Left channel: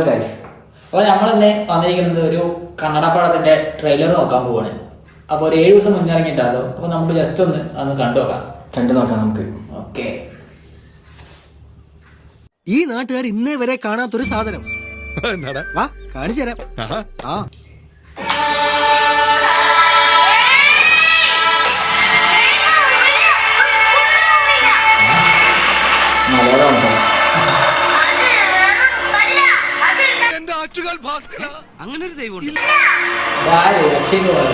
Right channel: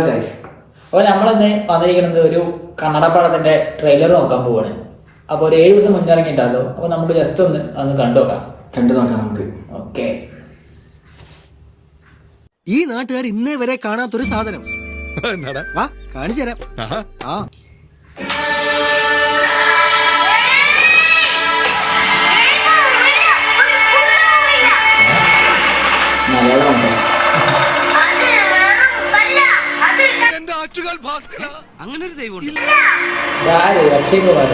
അപ്പോൾ നമ്മളിന്ന് വന്നിരിക്കുന്നത് ഒരു കന്നഡ പടത്തിന്റെ ട്രെയിലർ നോക്കാൻ പോവാണ്. അപ്പോൾ ഒരു 7 ദിവസം മുന്നിറങ്ങിയിട്ടാണല്ലോ. അപ്പോൾ നമുക്ക് ജസ്റ്റ് ഒന്ന് കണ്ടു നോക്കാം. നമുക്ക് ഓക്കെ. ഈ നാട്ടുകാർ ഇന്നേ വരെ കാണാത്തൊരു സാധനം വാ കാണിച്ചു തരാം. മലയാളം അങ്ങനെ ഒരു ദൈവം അക്ഷയ് കുമാർ.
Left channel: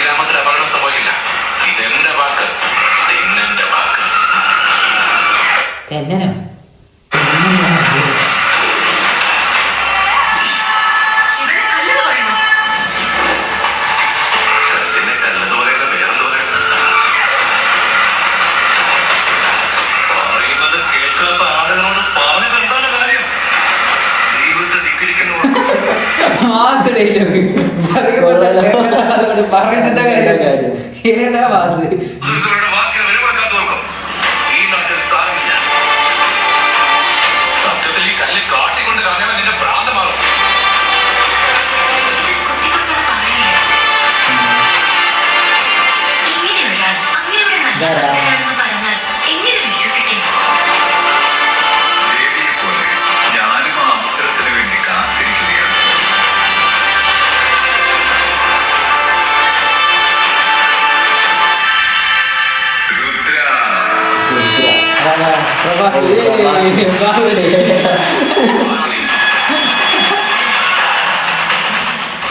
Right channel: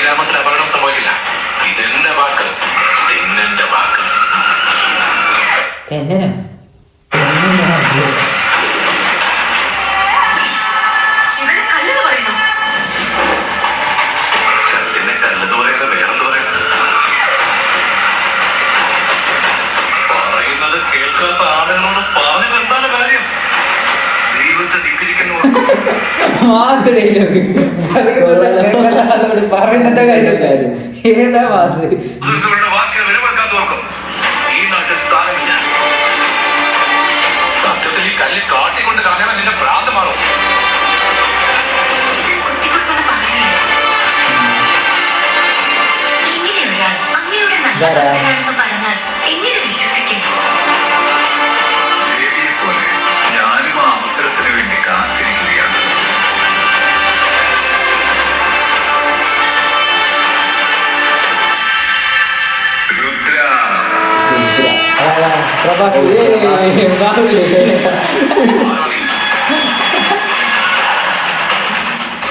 ഗ്രാമത്തിൽ അപകടം സംഭവിക്കില്ല. ഇതെന്റെ വാക്ക്, തെന്നന്റെ വാക്ക്. തെന്നനോ? കല്ലിനെ കല്ലെന്ന് പറയാതെ വേറെന്ത് പറയുന്നത്? പറയുന്നത് കേൾക്കാത്ത ആളുകളോട് പറഞ്ഞത് എന്താണ് കാര്യം? ദൈവത്തെ ധിക്കരിക്കുന്നു. മാസ് ഡയലോഗ് പറയുന്ന കാര്യം ഏതാ മാസ്? വാക്കിന് വിലപ്പെടുത്താത്തവർക്കും ഈ നാട്ടിൽ സ്ഥാനമില്ല. സത്യത്തിൽ ഈ കല്ല് കാട്ടിക്കൊണ്ട് കളഞ്ഞാൽ നിന്റെ ഭ്രാന്ത് മാറും. ദേവിയെ പോലെ ഞാനും ആ അവസരത്തിന് വേണ്ടി കാത്തിരിക്കുകയാണ്.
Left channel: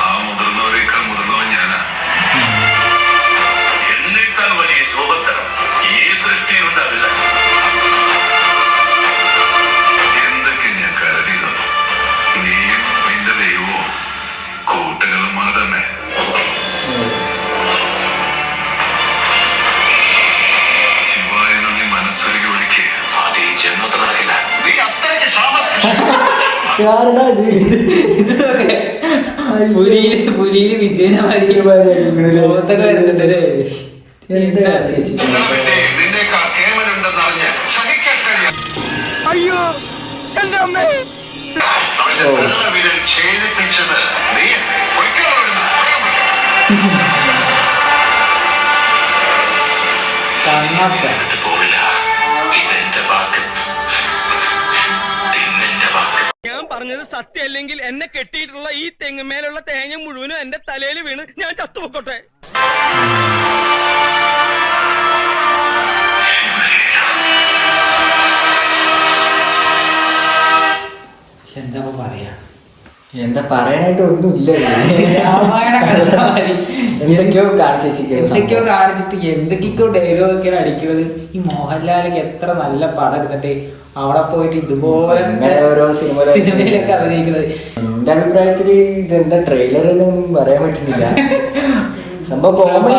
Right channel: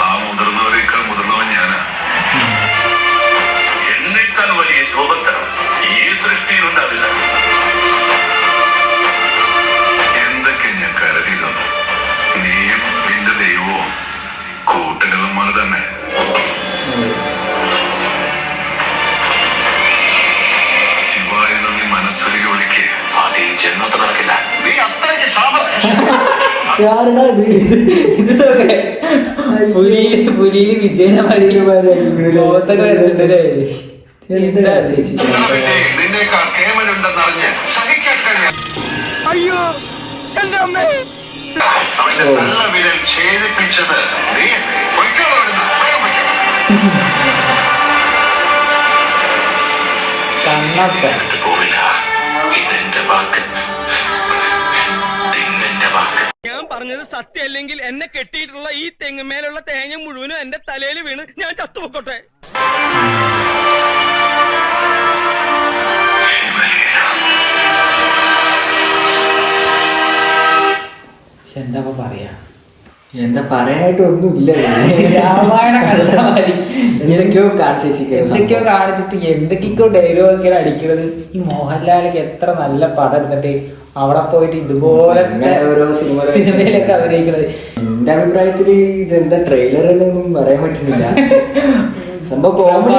ആ മുതിർന്നവരെക്കാൾ മുതിർന്നവൻ ഞാനാ. എന്നേക്കാൾ വലിയ ശോഭത്തരം ഈ സൃഷ്ടിയിലുണ്ടാവില്ല. എന്തൊക്കെ ഞാൻ കരുതിയതോ, നീയും നിന്റെ ദൈവവും കൂട്ടുകളുമാണ് തന്നെ. ശിവായ നന്ദി മനസ്സൊരുക്കി വിളിക്ക്. അത് ഈ ജന്മത്തെ നടക്കില്ല. നീ അത്രയ്ക്ക് പുലിയില് വിജയനമാരിയൊക്കെ വരച്ചിട്ടല്ലേ? നിന്നേക്കാൾ കേമലുണ്ടെന്നറിഞ്ഞ് സഹിക്കാൻ കഴിയാം. അയ്യോ എന്റെ അമ്മേ. അവന്റെ നല്ല വിരൽ ഛേദിപ്പിച്ചത് നീ കണ്ണൊക്കെ പോവില്ല. ഇതെന്റെ വാക്ക്, തിന്നെന്റെ വാക്ക്. ഞാൻ പറഞ്ഞത് സത്യമല്ലെങ്കിൽ എന്നെ കെട്ടിയിട്ടുള്ള ഈ തെങ്ങുമേലുള്ള തേങ്ങ മുഴുവനും എന്റെ തലയിൽ വീണ് ഞാൻ ചത്തുപൊക്കോട്ടെ. എന്താ പറയാ? എന്താ പറയാനായിട്ട് ഒന്നുമില്ല. രാമായണ കണ്ടാ മതി. എന്തൊക്കെയോ കാണിച്ചിട്ട് എന്തൊക്കെയോ ഡയലോഗൊക്കെയാണ് അടിക്കുന്നത്. ഈ മോഹൻലാലൊക്കെ എത്ര നല്ല പടം എടുത്തിട്ട് അവിടെ പോയിട്ട് ഇതുപോലത്തെ ഓരോ സിനിമയിലൊക്കെ അഭിനയിക്കുന്നത്. എന്റെ അഭിപ്രായത്തില് ഇതെന്താ ട്രെയിലർ എന്നൊന്നും പറയാൻ പറ്റുന്നില്ല. സംഭവം കോമഡി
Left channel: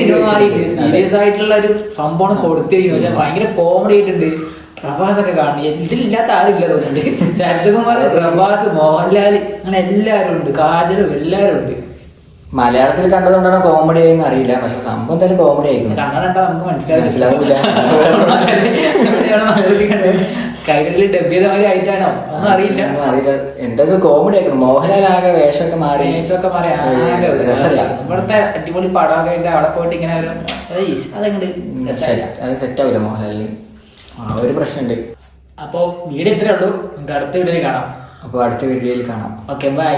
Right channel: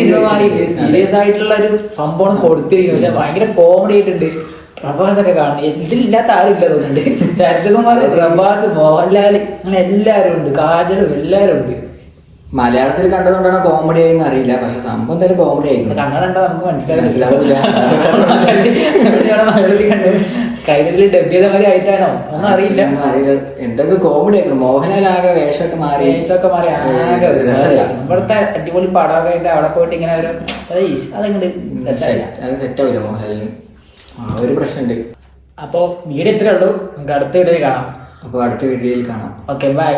സിനിമ മാറിയിട്ട് സീരിയസ് ആയിട്ടുള്ള ഒരു സംഭവം കൊടുത്തിരിക്കുന്നു. പക്ഷെ ഭയങ്കര കോമഡി ആയിട്ടുണ്ട്. പ്രഭാസൊക്കെ കാണുന്നു. ഇതിലില്ലാത്ത ആരും ഇല്ല തോന്നുന്നുണ്ട്. ശരത്കുമാർ, പ്രഭാസ്, മോഹൻലാൽ, അങ്ങനെ എല്ലാവരും ഉണ്ട്. കാജലും എല്ലാവരും ഉണ്ട്. മലയാളത്തിൽ കണ്ടതുകൊണ്ടാണ് കോമഡി ആയെന്ന് അറിയില്ല. പക്ഷെ സംഭവം എന്തായാലും കോമഡി ആയിരിക്കും. കന്നഡ കണ്ടാൽ നമുക്ക് മനസ്സിലാവില്ല. മനസ്സിലാവില്ല. മലയാളത്തിൽ കണ്ട് കൈരളിൽ ഡബ് ചെയ്ത മാതിരി ആയിട്ടാണോ ഒന്നും അറിയില്ല. എന്തൊക്കെ കോമഡി ആയിരിക്കും. മോഹൻലാൽ ആകെ വേഷമൊക്കെ മാറി ആകെ രസമല്ല. ഇവിടുത്തെ അടിപൊളി പടമൊക്കെ ആയിട്ട് അവിടെ പോയിട്ട് ഇങ്ങനെ ഒരു അതങ്ങോട്ട് രസമല്ല. അത് സെറ്റാവില്ല മോഹൻലാലിന്. ആ ഒരു പ്രശ്നമുണ്ട്. അപ്പോൾ വീഡിയോ ഇത്രേ ഉള്ളൂ. നമുക്ക് അടുത്ത വീഡിയോയിൽ കാണാം. അപ്പോൾ അടുത്ത വീഡിയോയിൽ കാണാം. Okay, by.